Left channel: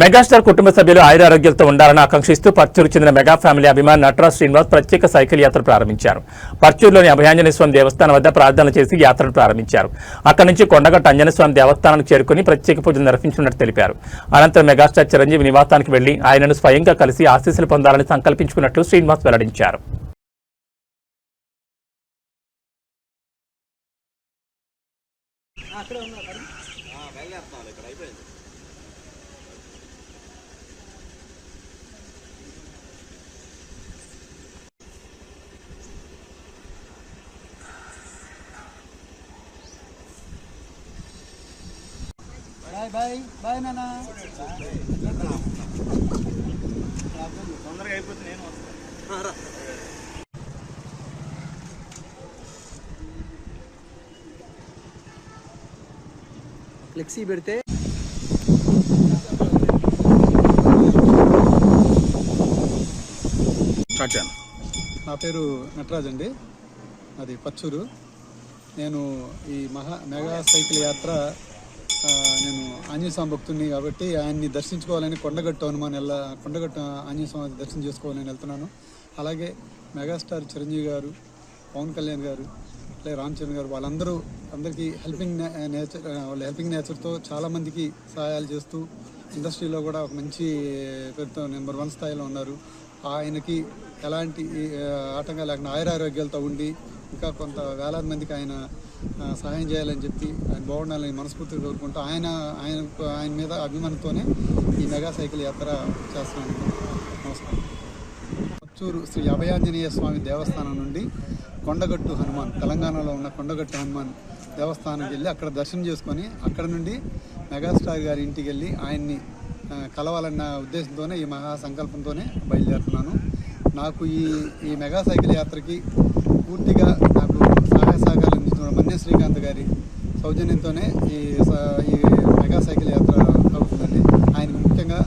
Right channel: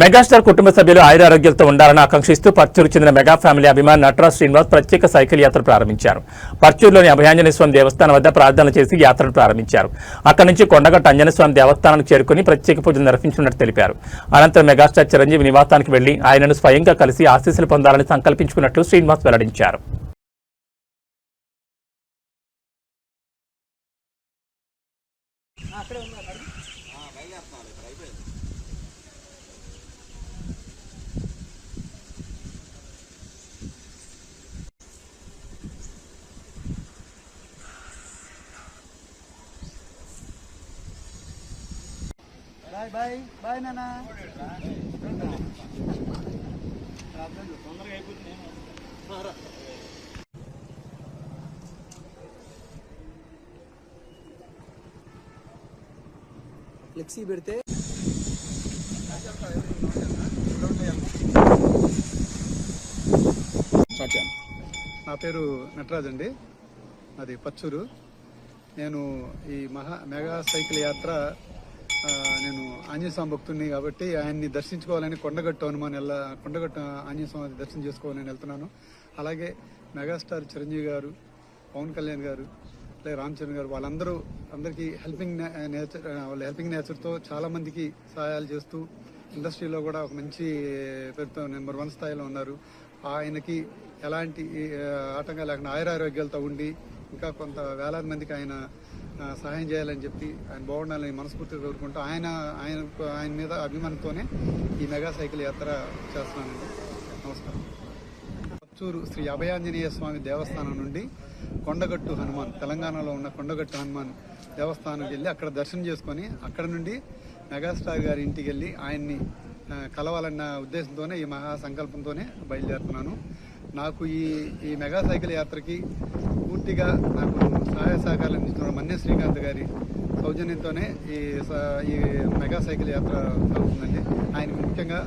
Megastar కుటుంబ సభ్యులు ఆయురారోగ్యాలతో ఉండాలని ఆకాంక్షిస్తూ పర్చూరు చెందిన మెగా ఫ్యామిలీ అభిమాని నటరాజ్ శ్రీనివాస్ ప్రత్యేక సైకిల్ యాత్ర ప్రారంభించారు. పర్చూరులోని అభయాంజనేయ స్వామి దేవస్థానం వద్ద ప్రార్థనలు చేసి యాత్రను ప్రారంభించారు. అక్కడి నుంచి కొండగట్ట ఆంజనేయ స్వామి దేవస్థానానికి చేరుకుని ప్రత్యేక పూజలు నిర్వహించినట్టు తెలిపారు. అనంతరం మెగాస్టార్ చిరంజీవి నివాసానికి వెళ్లి ఆయనను స్వయంగా కలిసి ఆశీస్సులు పొందాలని సంకల్పించుకున్నట్లు శ్రీనివాస్ వెల్లడించారు. బాయ్ బాయ్ బాయ్ నాన్న. తొందరగా అయిపోతుంది. నేను ఫ్లెక్సీ పెడితే నా పేరు నటరాజ్ అండి, అది పచ్చూరు. నేను ఈ మెగా సైకిల్ యాత్ర నేను ఆంజనేయ స్వామి భక్తుడిని కాబట్టి ఆయన్ని దర్శించుకోవాలని కొండగట్టు ఆంజనేయ స్వామి దర్శనం చేసుకోవాలని వెళ్తున్నాను. అలాగే మెగాస్టార్ చిరంజీవి గారు, పవన్ కళ్యాణ్ గారు, అలాగే రామ్ చరణ్ గారు, అందరికీ హెల్పింగ్ నేచర్తో చాలామందికి సహాయాలు చేస్తూ ఇండస్ట్రీలో కూడా ఒక మంచి పేరుతో నెంబర్ 1 స్థాయిలో ఉన్నారు. ఆయనకి ఎలాంటి ఆటంకాలు లేకుండా ఆయురారోగ్యాలతో ఉండి ఇంకా కొంత వేలాది మందికి ఆయన సహాయం చేయాలని చెప్పి ఆయన బాగుండాలని మనస్ఫూర్తిగా కోరుకుంటూ ఆయన మీద అభిమానంతోనే ఈ మెగా సైకిల్ యాత్ర చేస్తున్నాను. నమస్కారం. పచ్చూరు శ్రీ అభయాంజనేయ స్వామి దేవస్థానం నుండి కొండగట్టు హనుమాన్, తెలంగాణలో ఉన్న కొండగట్టు హనుమాన్ దేవస్థానానికి వెళ్ళి అక్కడ దర్శనం చేసుకొని అక్కడ నుండి మెగాస్టార్ గారి ఇంటికి వెళ్ళి ఆయన్ని కలవాలన్న ఉద్దేశంతోనే ఈ మహా సంకల్పంతోనే బయలుదేరుతున్నాను. నాకు ఈ మెగా సైకిల్ యాత్రకి పూర్తిగా నాకు సహాయ సహకారాలు అందించిన మన్య శ్రీకాంత్ గారి సౌజన్యంతోనే ఈ మెగా సైకిల్ యాత్ర అవుతుందండి. ఆయనకు ముఖ్యంగా